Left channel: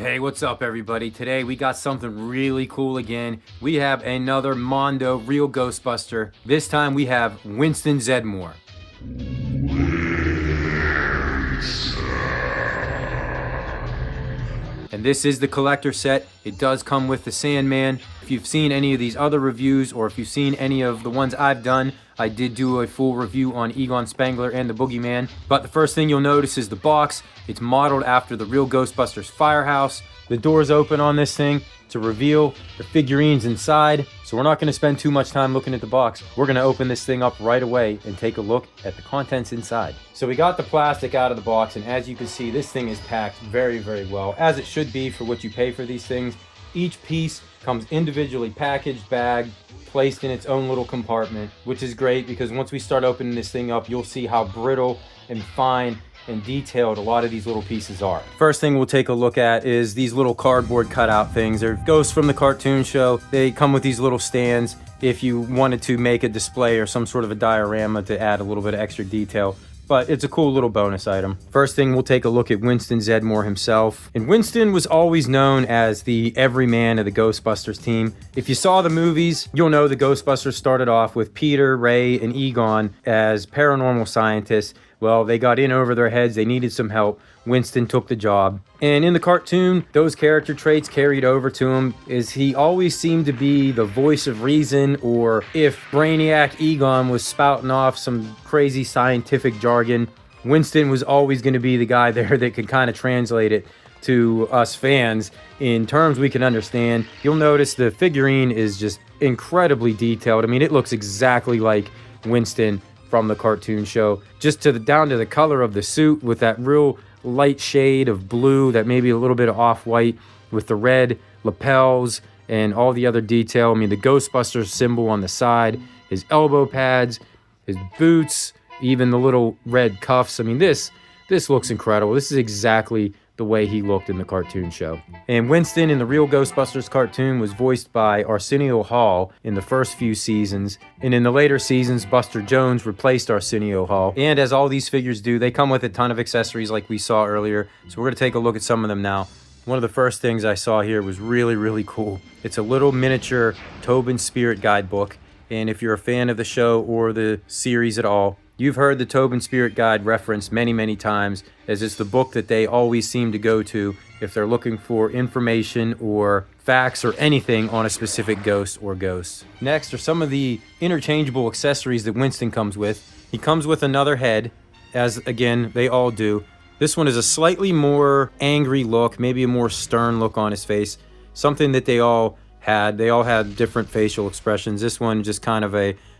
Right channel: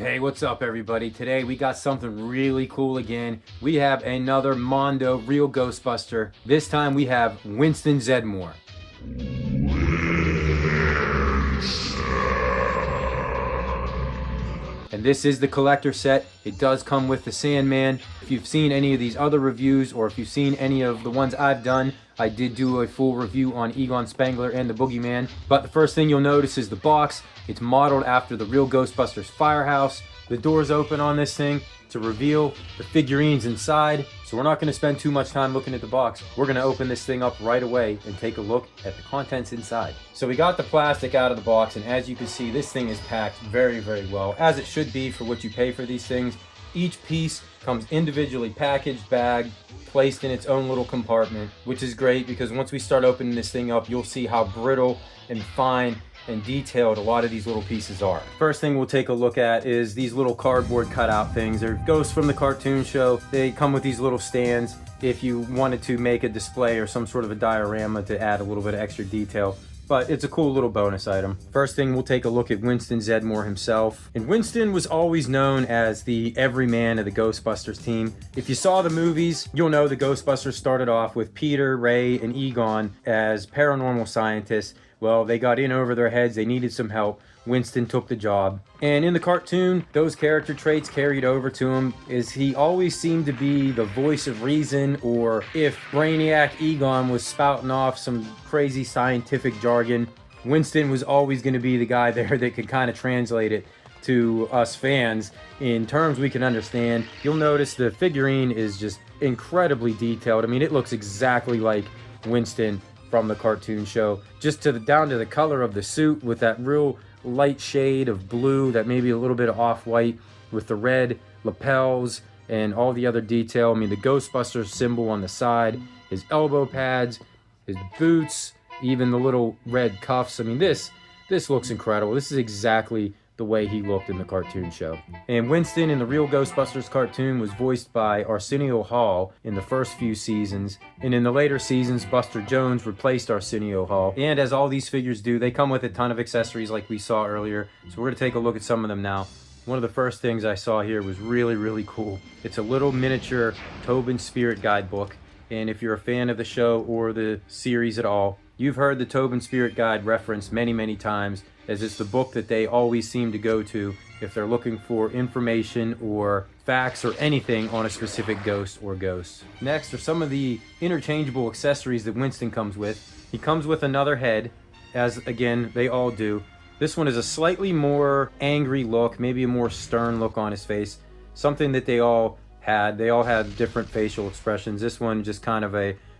Hey, what's up everybody? Today we got something really cool again. We have another Mondo Real Ghostbuster. This time we have Winston Zedmore. And this is the collector set. It does come with the Sandman. If you've seen any of these other reviews, or if you've seen any of the ones I've done, I did do a full review on Egon Spengler and the Boogeyman. But the first thing you'll notice is the box. It's modeled after the Real Ghostbusters firehouse. The doors open on this thing to reveal the figurines inside. So we're not going to spend too much time looking at the box. We're going to open this thing up right away and take a look at the contents inside. So we got the plastic out of the box, and as you can see, this thing is packed very, very well, as it should be for what you pay for these things. Each piece comes individually packaged, bagged, placed in its own little compartment, which is great because once we start opening this thing up, you'll see how brittle and fine and detailed a lot of these little pieces are. First thing we'll take a look at is these little cardboard cutout things. They're ghosts from the cartoon show. They come with these little stands if you wanted to make a display or some sort of a diorama to add a little bit of extra detail. But it's a cool little bonus item. First thing, we'll take a look at Winston Zedmore himself. And Winston was always known as the everyman of the Ghostbusters team. If you saw the movies, you'll know the Ghostbusters started off with Peter, Ray, and Egon as paranormal scientists. Well, they got in over their heads, they needed some help. Winston took the job. And in the cartoon, those character traits carried over to him, as he always seemed to be the voice of reason, or if Brainiac Egon was spouting off some crazy scientific jargon, Winston was always going to be the guy there that could kind of translate it to us fans in terms we can understand. You'll notice the figurine is just incredibly detailed. I mean, it looks exactly like Winston from the cartoon show, just down to the color of the suit, with that real light shade of blue, that maybe a little bit of off-white, with the red lapels and all the other detail. I mean, the Ghostbusters symbol on the side, his elbow pads, his boots, even the little red cuffs. I mean, this looks incredible. This is exactly the way he looked in the cartoon show. And Winston in the Real Ghostbusters cartoon was voiced by Arsenio Hall in the first few seasons, and in the later seasons, Buster Jones replaced Arsenio Hall. And as all these figures do, they come with a ton of accessories like we saw earlier, so we're going to take a look at some of them now. One of the first things I saw here was really, really cool. It's a little miniature Tobin Spirit guidebook, and if you're a fan of the show or the series at all, you've heard the Tobin Spirit Guide referenced many, many times, as it's the book that they always seem to go to if they're looking for information or facts or anything on a specific ghost or ghosts. Next are some of the interchangeable accessories that Winston comes with. He comes with another head, as again, they all do. This one is a slightly more angry look, maybe a more stern look on his face, something that they all had. They all had different facial expressions. This one just kind of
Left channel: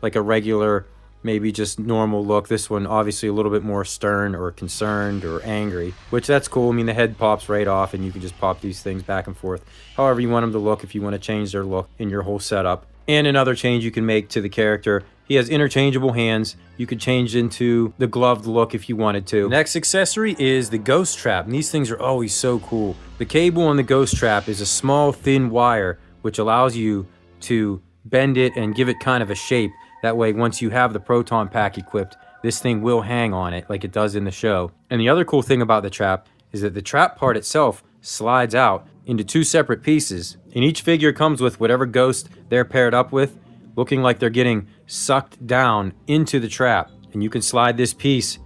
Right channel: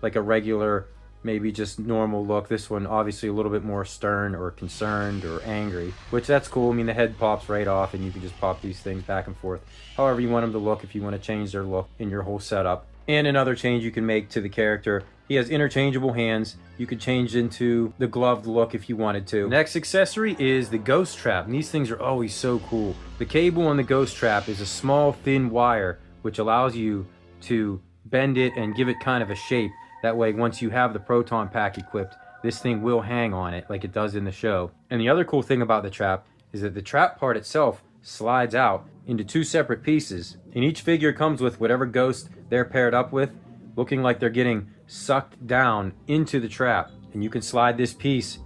like a regular, maybe just normal look. This one obviously a little bit more stern or concerned or angry, which that's cool. I mean, the head pops right off and you can just pop these things back and forth however you want them to look, if you want to change their look in your whole setup. And another change you can make to the character, he has interchangeable hands. You could change into the gloved look if you wanted to. Next accessory is the ghost trap, and these things are always so cool. The cable on the ghost trap is a small thin wire which allows you to bend it and give it kind of a shape. That way, once you have the proton pack equipped, this thing will hang on it like it does in the show. And the other cool thing about the trap is that the trap part itself slides out into two separate pieces. And each figure comes with whatever ghost they're paired up with, looking like they're getting sucked down into the trap. And you can slide this piece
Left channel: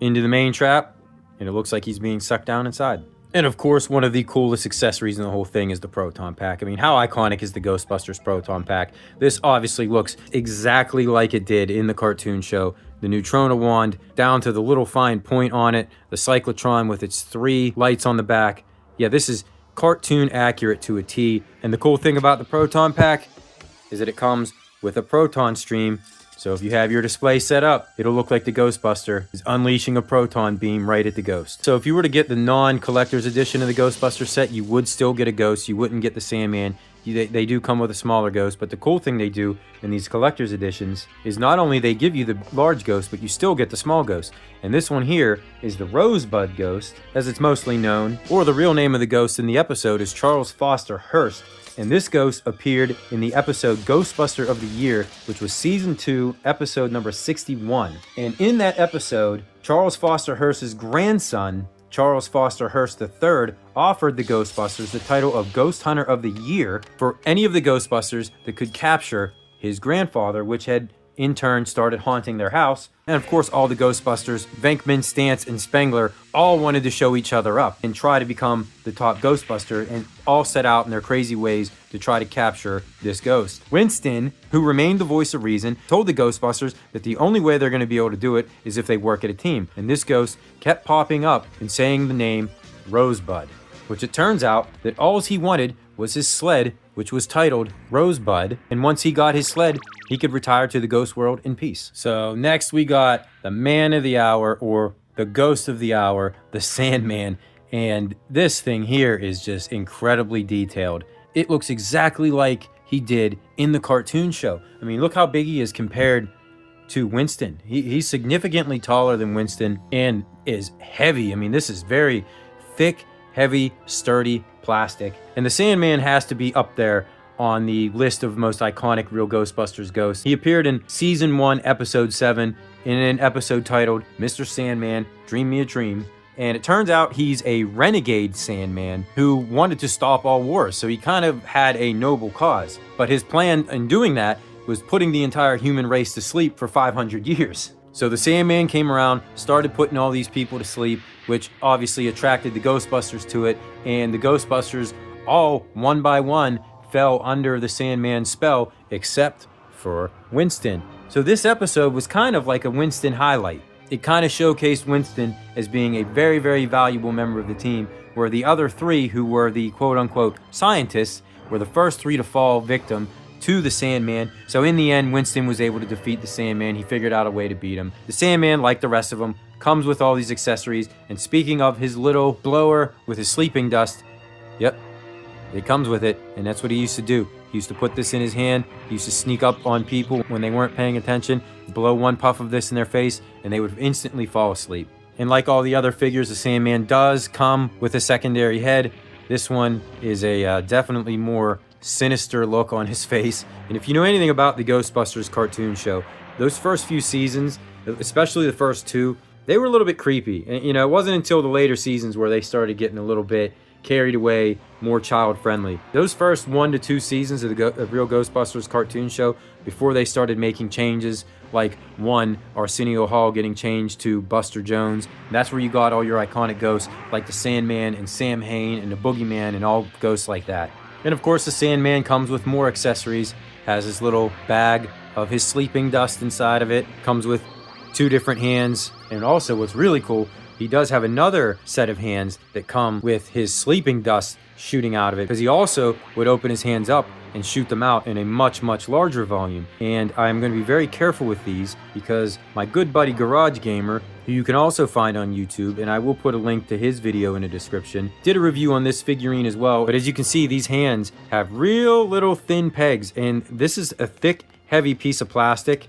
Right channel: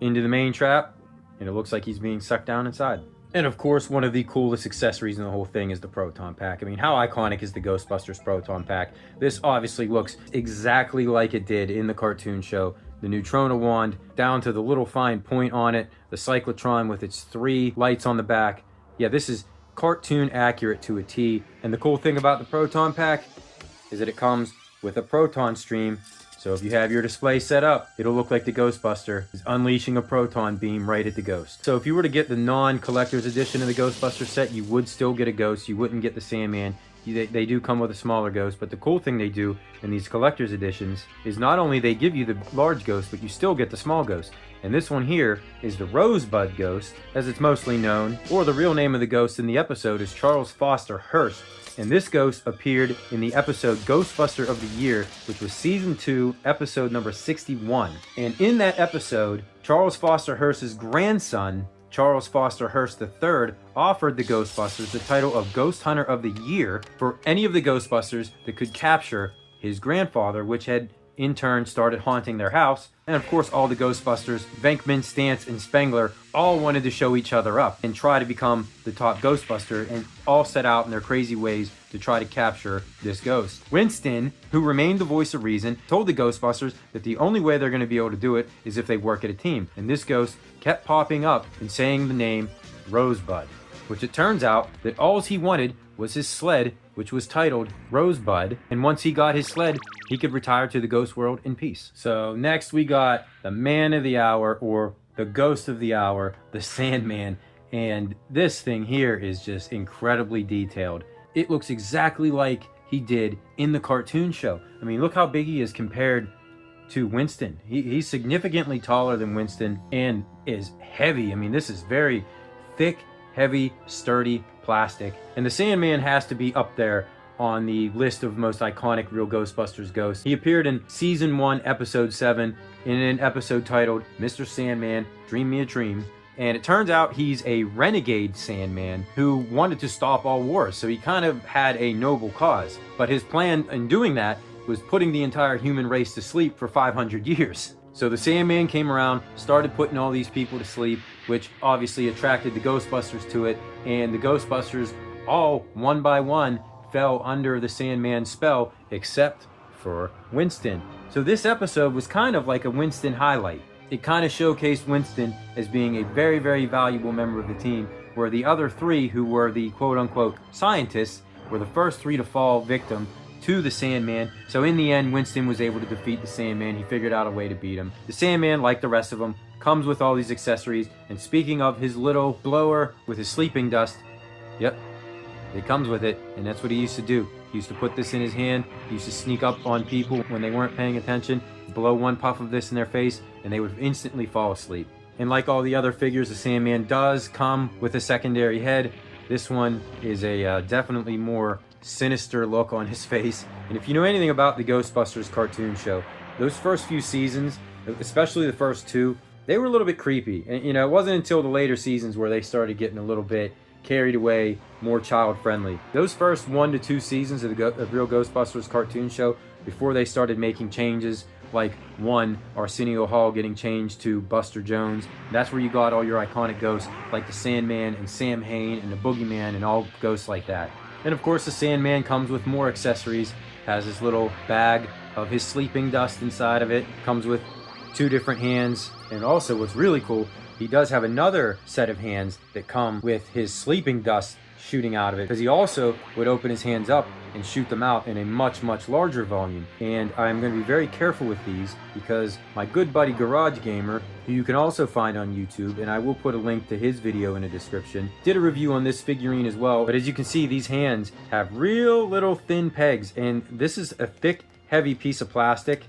into the main trap, and it looks like he's being sucked down inside. And of course, one of the coolest accessories in the whole thing is the proton pack. I mean, how iconic is the Ghostbusters proton pack? This obviously looks exactly like it did in the cartoon show. The neutrona wand, down to the little fine point on it, the cyclotron with its 3 lights on the back. Yeah, this is cartoon accurate to a T. And the cool thing about the proton pack is that it comes with a proton stream. So if you have your display set up, it'll look like the Ghostbuster is unleashing a proton beam right at the ghost. So if you were to get the non-collector's edition of the Ghostbuster set, you would still get a ghost. You wouldn't get the Sandman. They do come with a smaller ghost, but the cool thing they do in these collector's editions is not only they give you the large ghost, but you still get the small ghost. And this one here is the Rosebud Ghost, as it's mostly known, or the real name of the ghost in the episode is Charles Foster Hearst. And this ghost appeared in the episode Ghostbuster of the Year, which was season 2, episode number 61. And in that episode, Charles Foster Hearst's grandson Charles Foster Hearst III offered the Ghostbusters the title of Ghost Hunter of the Year for any of the Ghostbusters that could capture his grandfather, which had in turn started haunting their house. And of course, all the Ghostbusters, Venkman, Stantz, and Spengler, all wanted to show each other up and try to become the top Ghostbuster, and all set out in their crazy ways to try to capture this ghost. Winston, who remained the voice of reason, told the Ghostbusters that the only way they're going to be able to do it is if they work at a team. And this ghost kept popping up and saying the name Rosebud, which it turns out that all he wanted was his sled, which was titled Rosebud, and once he got his sled, he could retire to the ghost world in peace. So next we got the man of the hour, or the ghost of the hour, the Sandman, and this thing here is just incredibly detailed. It looks exactly like he did in the cartoon show. I mean, look how big he is compared to Winston. He's significantly taller than Winston and is heavy. I mean, this is very thick, heavy, sturdy plastic. And the Sandman has to be up there on the list of most iconic Real Ghostbusters ghosts. He appeared in Season 1, Episode 7, in an episode titled Mr. Sandman, Dream Me a Dream. And it turns out he's a renegade Sandman who wanted to stop all wars, so he kind of had a noble cause. But his plan in doing that was putting the entire human race to sleep for 500 years. So the Sandman came around, started putting all these people to sleep, which obviously attracted the Ghostbusters to it, and the Ghostbusters all, one by one, fell under the Sandman's spell, except for Winston. So this episode was kind of like a Winston highlight. It kind of showcased Winston as being a very, very valuable member of the team, where the other three, who were the quote-unquote scientists, were the first three to fall victim to the Sandman. So in the end, Winston was able to defeat the Sandman. He figured out a way to beat him. The Sandman, like the rest of them, comes with all these accessories. And speaking of his little blower with his sleeping dust, yep, it comes with it. And that's what he used to do. He used to put this in his hand. He used to sneak up on people when they weren't paying attention, blow one puff of this in their face, and they would instantly fall asleep. And like all the other figures, the Sandman does come with a secondary head. This one is a definitely more sinister look on his face. And if you know anything about the Ghostbusters cartoon show, those first few seasons, especially the first two, they were a little bit creepy. And you know, it wasn't until the later seasons where they started getting a little bit carried away, more child friendly. Those first 1 to 2 seasons of the Real Ghostbusters cartoon show, before they started making changes, like one, Arsenio Hall getting changed to Buster Jones, that's where you got all your iconic ghosts like the Sandman and Sam Hain and the Boogeyman and all ghosts like that. And of course, the Sandman comes with more accessories, has his little bag of his sleeping dust inside of it, comes with 2 different hands, and also what's really cool, he does have another set of hands that come with his sleeping dust shooting out of it, because he also would open his hands up and shoot them out in a much, much larger volume. And I'm going to be very careful with these because my good buddy Garage Gamer, who you can also find on YouTube, and I will put a link to his video in the description, did a review on this figurine as well. But as you can see, these hands have real little thin pegs, and this is a thick, heavy piece of plastic.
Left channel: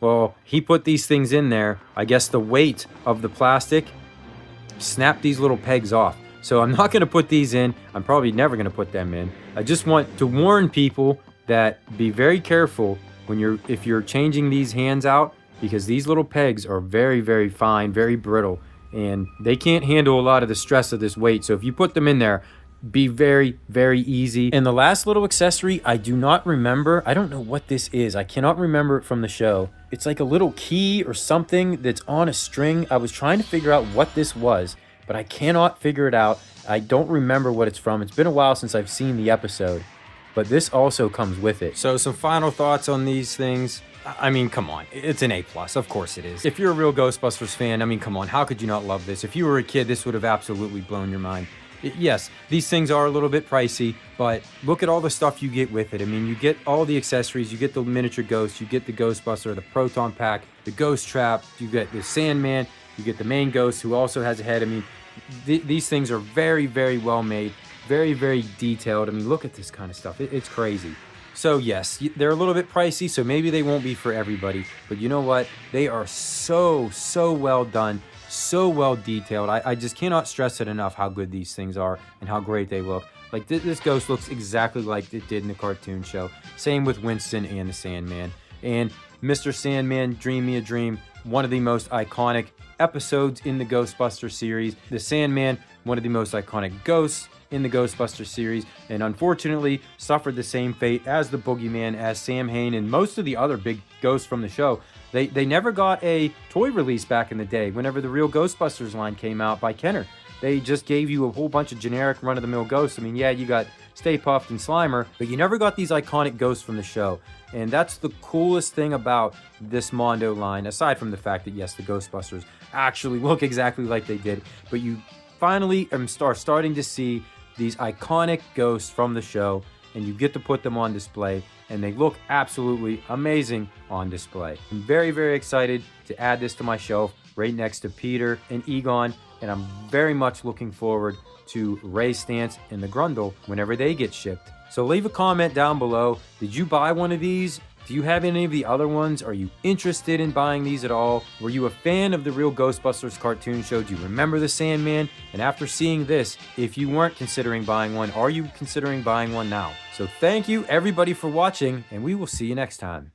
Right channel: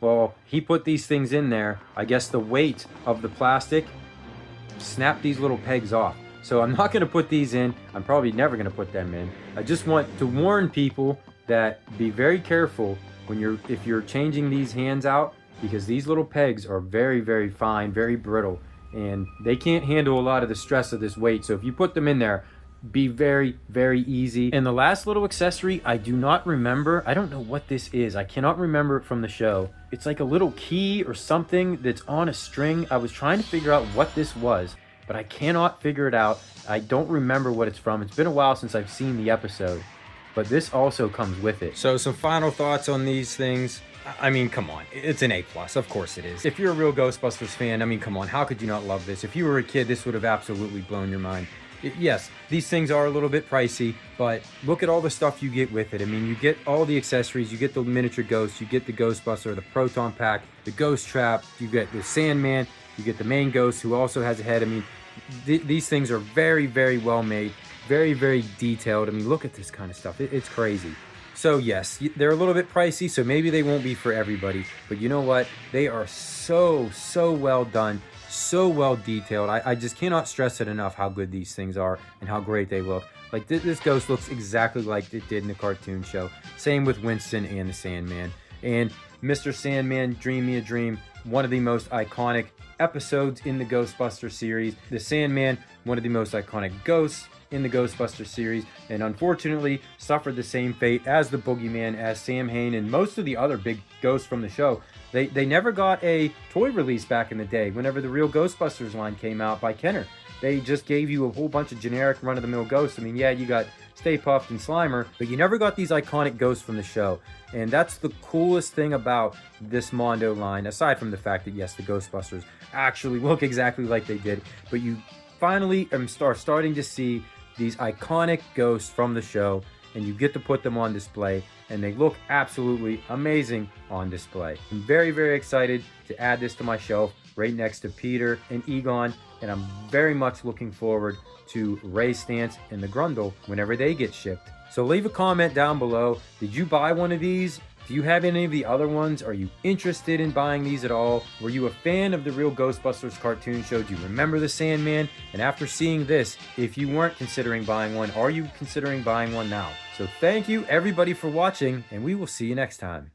Well, he put these things in there. I guess the weight of the plastic snapped these little pegs off. So I'm not going to put these in. I'm probably never going to put them in. I just want to warn people that be very careful when if you're changing these hands out, because these little pegs are very, very fine, very brittle, and they can't handle a lot of the stress of this weight. So if you put them in there, be very, very easy. And the last little accessory, I do not remember. I don't know what this is. I cannot remember it from the show. It's like a little key or something that's on a string. I was trying to figure out what this was, but I cannot figure it out. I don't remember what it's from. It's been a while since I've seen the episode, but this also comes with it. So some final thoughts on these things. I mean, come on, it's an A+, of course it is. If you're a real Ghostbusters fan, I mean, come on, how could you not love this? If you were a kid, this would have absolutely blown your mind. Yes, these things are a little bit pricey, but look at all the stuff you get with it. I mean, you get all the accessories, you get the miniature ghosts, you get the Ghostbuster, the proton pack, the ghost trap, you get the Sandman, you get the main ghost who also has a head. I mean, these things are very, very well made, very, very detailed. I mean, look at this kind of stuff. It's crazy. So yes, they're a little bit pricey, so maybe they won't be for everybody. But you know what? They are so, so well done, so well detailed. I just cannot stress it enough how good these things are and how great they look. Like this ghost looks exactly like it did in the cartoon show. Same with Winston and the Sandman. And Mr. Sandman, Dream Me a Dream. one of the most iconic episodes in the Ghostbusters series. The Sandman, one of the most iconic ghosts in the Ghostbusters series, and unfortunately suffered the same fate as the Boogeyman, as Sam Hain, and most of the other big ghosts from the show. They never got a toy release back in the day whenever the Real Ghostbusters line came out by Kenner. They just gave you a whole bunch of generic run-of-the-mill ghosts. I mean, yeah, you got Stay Puft and Slimer, but you never got these iconic ghosts from the show. And that's the coolest thing about this Mondo line, aside from the fact that, yes, the Ghostbusters actually look exactly like they did, but you finally are starting to see these iconic ghosts from the show, and you get to put them on display, and they look absolutely amazing on display. I'm very, very excited to add this to my shelf right next to Peter and Egon, and I'm very much looking forward to Ray Stantz and the Grundle whenever they get shipped. So leave a comment down below. Did you buy one of these? Do you have any of the other ones? Are you interested in buying these at all? Were you a fan of the Real Ghostbusters cartoon show? Do you remember the Sandman? And after seeing this, if you weren't considering buying one, are you considering buying one now? So thank you everybody for watching, and we will see you next time.